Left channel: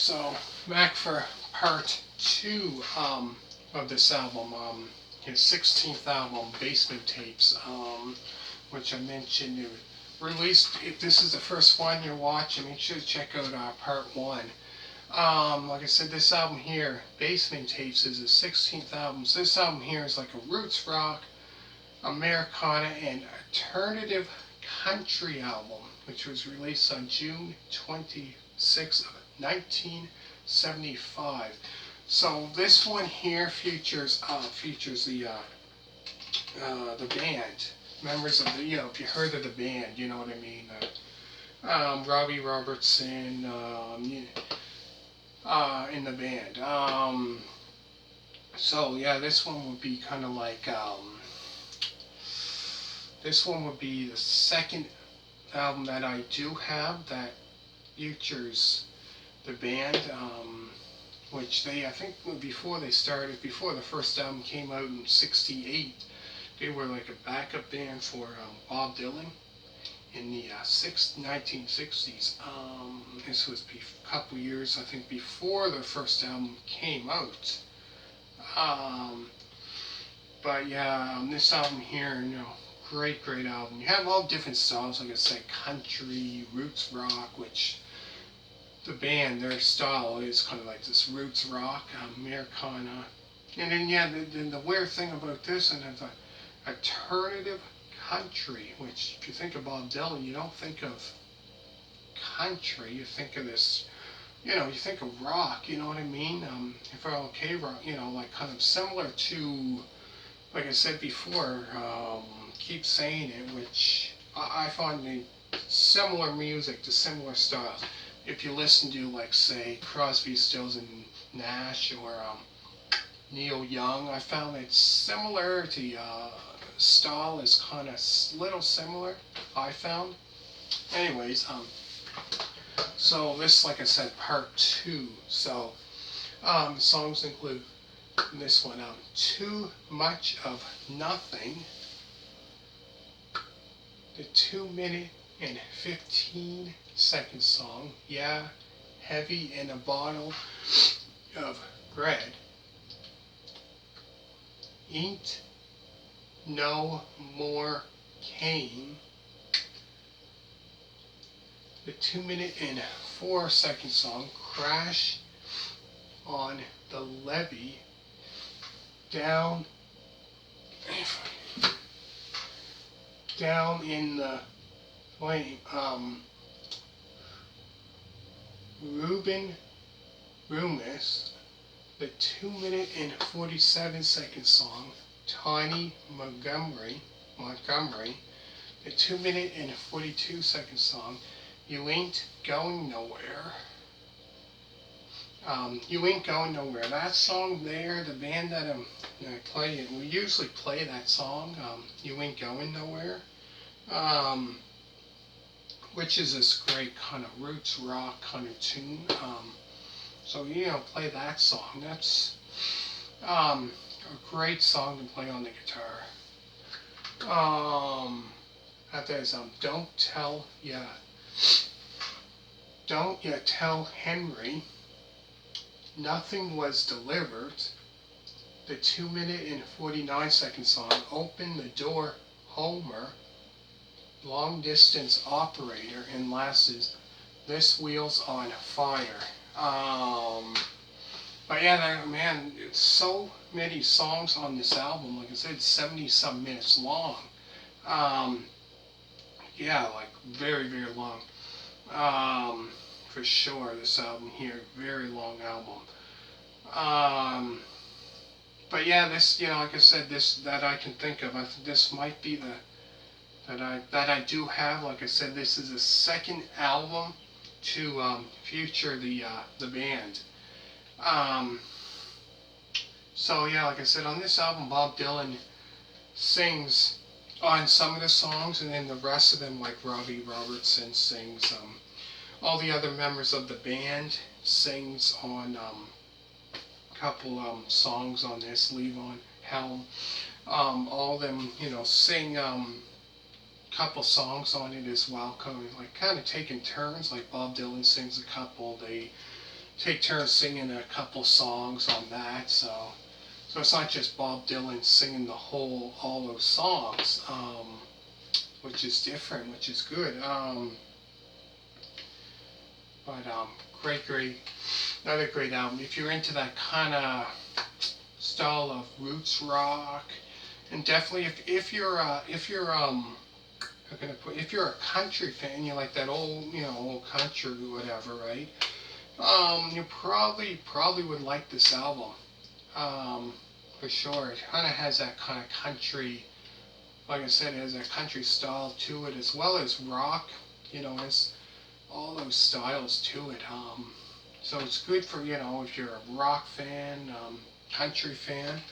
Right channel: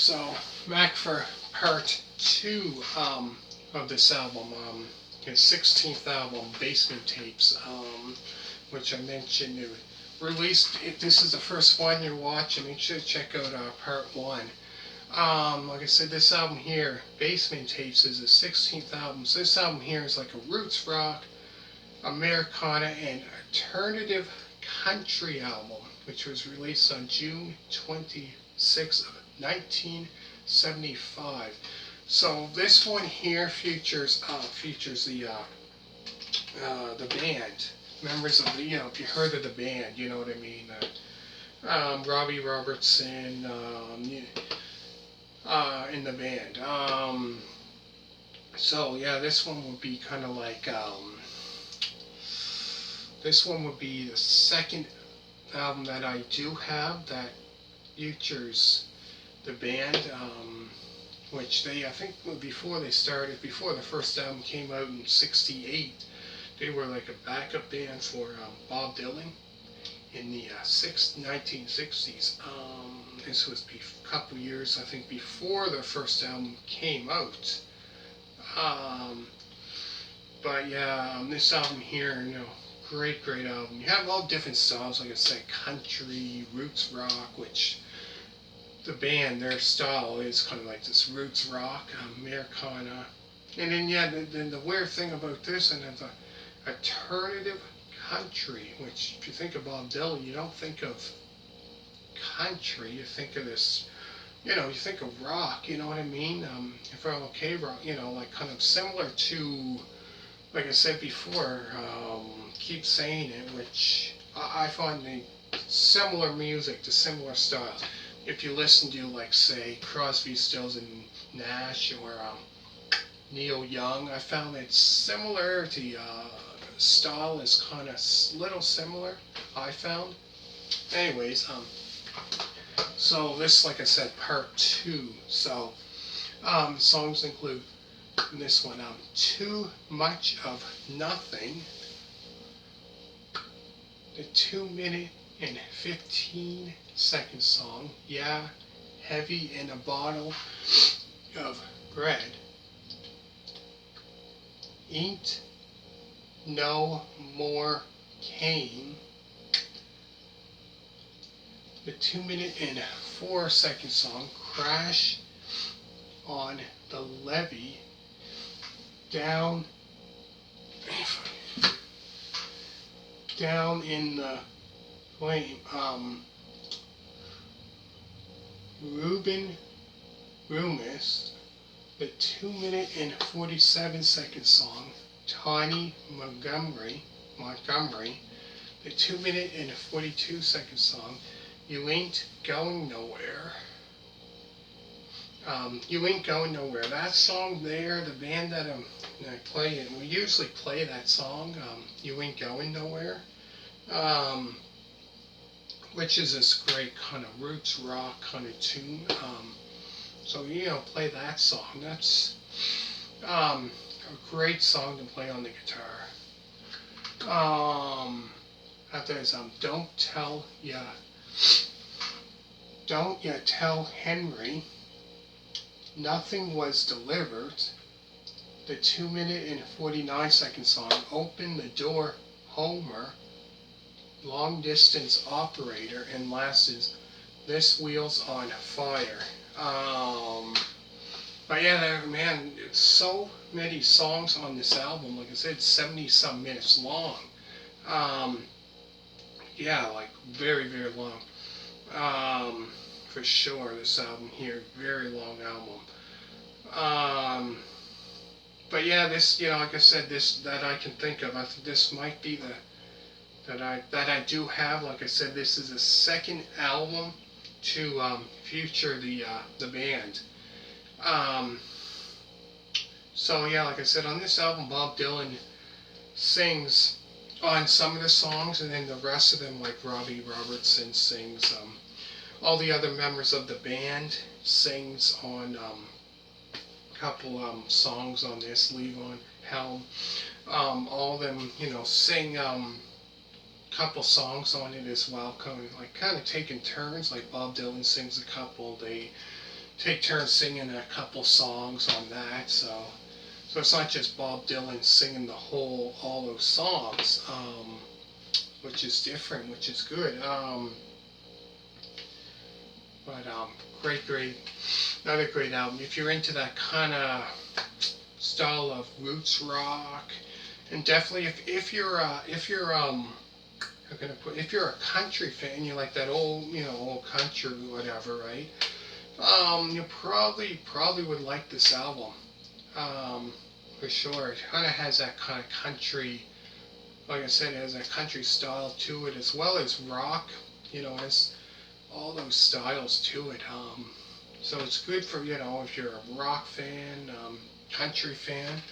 So back for part two of this album, his 16th album, Basement Tapes, which I mentioned. It released. If this is the first one you're watching, make sure to check out part one. Like I said, this album here, Basement Tapes, is his 16th album. So this album here is like a roots rock, Americana, and alternative country album, which was released on June 26th of 1975. So this one here features the band, members of the, if you heard of the band, you know what I mean. Robbie Robertson in the band. So yeah, this one would be kind of like this one would be the second album that I do have that features the band, which I think before the first album came out in '68, they were like a backup band for Bob Dylan in the 1960s. This was a couple years, I think, before the first album came out. But yeah, this album here, great album. You have all different styles, like I said, country, roots rock, which the band, their style is kind of like this roots rock, Americana. And then, yeah, the weird thing about this, and it's alternative country, which if you think of Bob Dylan, you don't think of country, you think of this, you think of rock, you know what I mean? If I okay rock, like kind of similar to, like I said before, keep saying it, which I find the similar music to similar styles. If you listen to, like, say, Crosby, Stills and Nash, or Neil Young, I found that similarity, style is kind of little similar, I found. Anyways, so this, like I said, part two. So, the songs include this one, Too Much of Nothing, the 2-minute and 15-second song, Yeah, Heavy in a Bottle of Bread, Ain't No More Cane, the 2-minute and 4-second song, Crash on the Levee, Down in the Flame, Ruben Remus, the 2-minute and 47-second song, Tiny Montgomery, the 2-minute and 42-second song, You Ain't Going Nowhere. You Ain't Going Nowhere. That song there, the band that I play, we usually play that song, You Ain't Going Nowhere, which is this great kind of roots rock kind of tune. So, play that song. That's a great song to play on the guitar. After this, Don't Ya Tell Henry, Nothing Was Delivered, the 2-minute and 49-second song, Open the Door, Homer, Long Distance Operator, and last is This Wheel's on Fire. But yeah, man, it's so many songs on this album. Like I said, 70-some minutes long. Yeah, like very long. For sure, this album here, very long album. But yeah, this, like I said, this that I can think of, I think this might be that I do have. Like I said, this is the second album to feature the band. So yeah, like I said, on this album, Bob Dylan sings on some of the songs, and then the rest of them, like Robbie Robertson sings. All the other members of the band sings on a couple songs on this. Levee, Helm, all of them, sing couple songs on it as well, kind of taking turns. Like Bob Dylan sings a couple, they take turns singing a couple songs on that. So it's not just Bob Dylan singing all those songs, which is different, which is good. But another great album. If you're into that kind of style of roots rock, and definitely if you're a country fan, you like that old country or whatever, right? You probably would like this album, for sure. It kind of has that kind of country, like I said, it has that country style to it as well as rock. It's all those styles to it. So it's good for if you're a rock fan, country fan.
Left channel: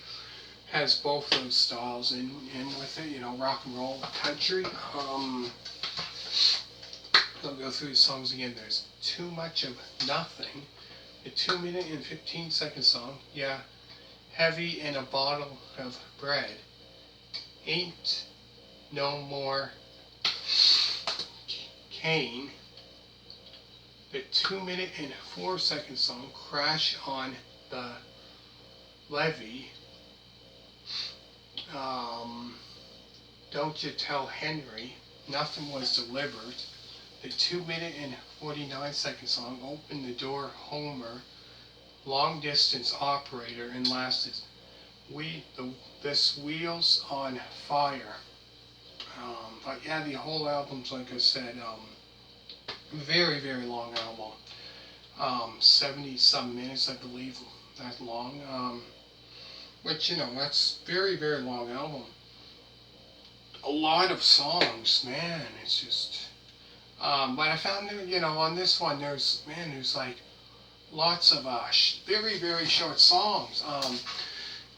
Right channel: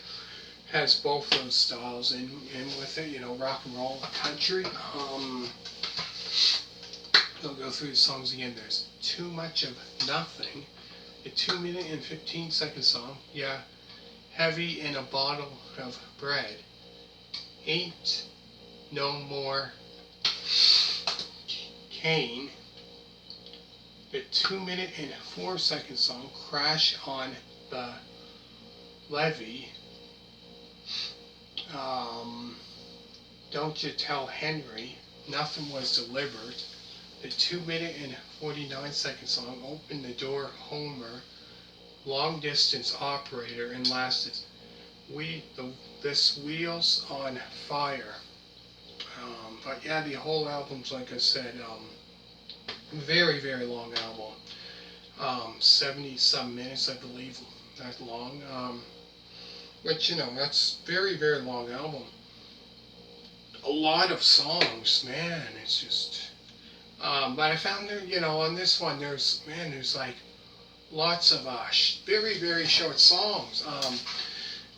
Has both those styles in with it. Rock and roll, country. I'll go through the songs again. There's Too Much of Nothing, a 2-minute and 15-second song. Yeah, Heavy in a Bottle of Bread. Ain't No More Kane, the 2-minute and 4-second song Crash on the Levee. Don't You Tell Henry, Nothing Was Delivered. The 2-minute and 49-second song Open the Door Homer, Long Distance Operator, and last is This Wheels on Fire. But yeah, the whole album's, like I said, very, very long album. 70 some minutes, I believe, that long. Which, that's very, very long album. A lot of songs, man, it's just, but I found that, on this one, there's like lots of, very, very short songs.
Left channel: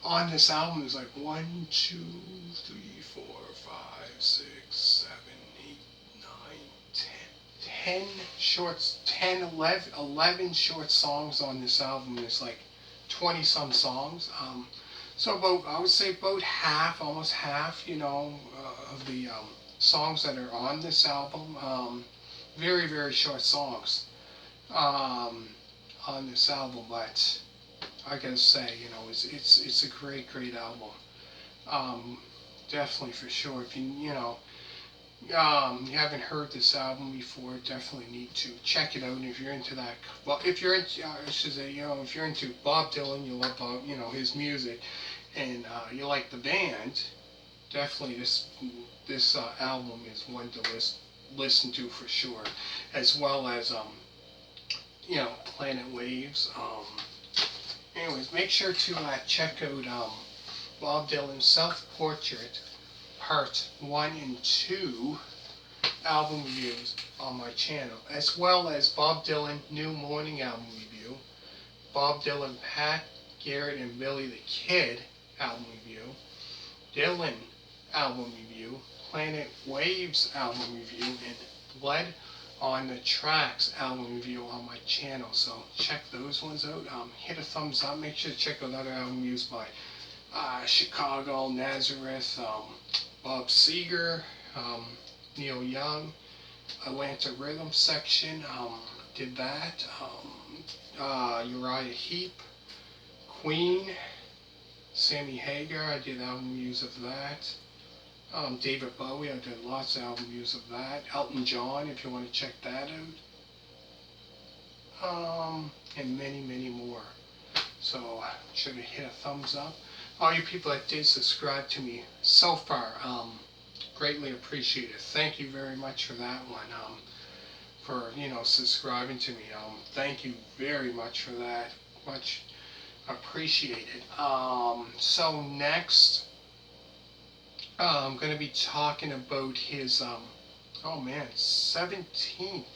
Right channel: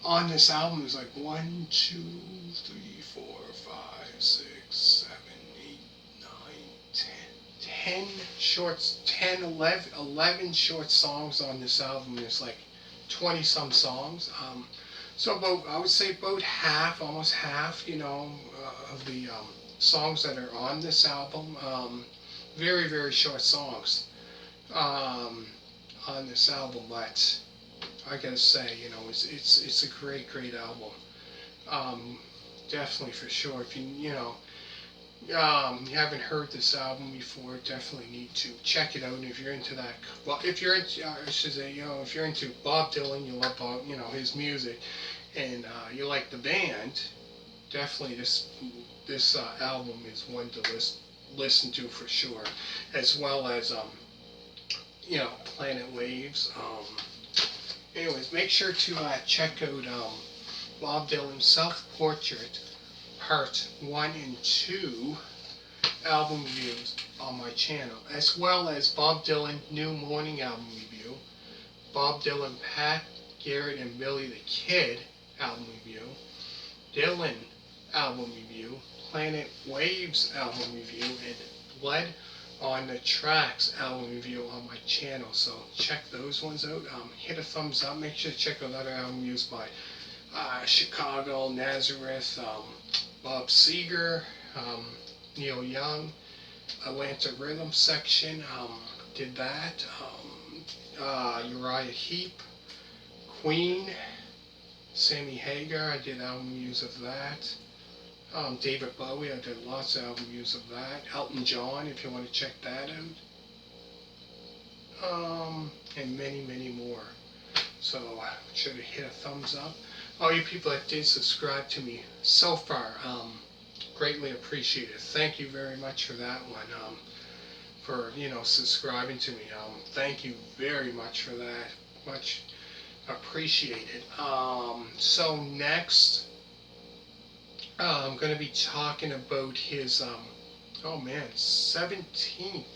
On this album, there's like 1, 2, 3, 4, 5, 6, 7, 8, 9, 10 shorts, 10, 11 short songs on this album. There's like 20 some songs. So I would say about half, almost half, of the songs that are on this album. Very, very short songs on this album, but I gotta say, it's a great, great album. Definitely, for sure. If you haven't heard this album before, definitely need to check it out. And if you're into that, well, if you're into, I should say, if you're into Bob Dylan, you love his music, and you like the band, definitely this album is one to listen to for sure, as well as Planet Waves. Anyways, make sure to check out Bob Dylan's Self Portrait Part 1 and 2 album reviews on my channel, as well as Bob Dylan New Morning album review, Bob Dylan Pat Garrett and Billy the Kid album review, Dylan album review, Planet Waves album review, and Blood on the Tracks album review on my channel. So check those ones out. Hit a thumbs up. Make sure to check out other albums used by Chicago, Nazareth, Bob Seger, Neil Young, Atlanta Rhythm Section, did that. Uriah Heep, Queen, Sammy Hagar, I did album reviews of that. David Bowie, I did lots of album reviews of that. Elton John, if you want to check that out. And many, many more. So, should have hit a thumbs up. All you people that did subscribe to me so far, greatly appreciate it. Thank you very much for that one. For subscribing to me. Thank you very much for that. Much appreciated. So next, I'm going to be talking about his 17th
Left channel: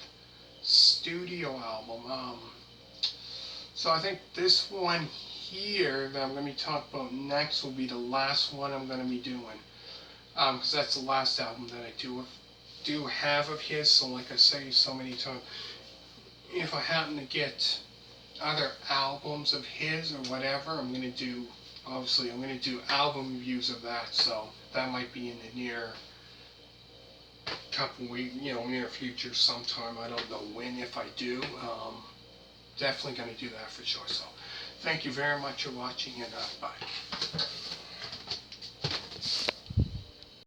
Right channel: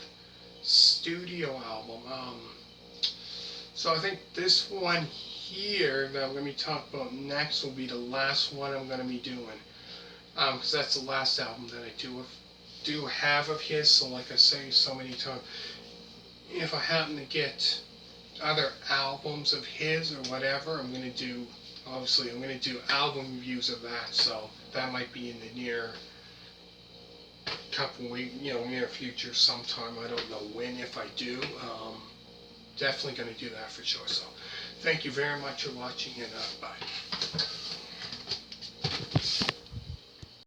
studio album. So I think this one here that I'm going to be talking about next will be the last one I'm going to be doing, because that's the last album that I do have of his. So like I say so many times, if I happen to get other albums of his or whatever, I'm going to do album reviews of that. So that might be in the near couple weeks, near future sometime. I don't know when, if I do. definitely going to do that for sure. So thank you very much for watching, and bye.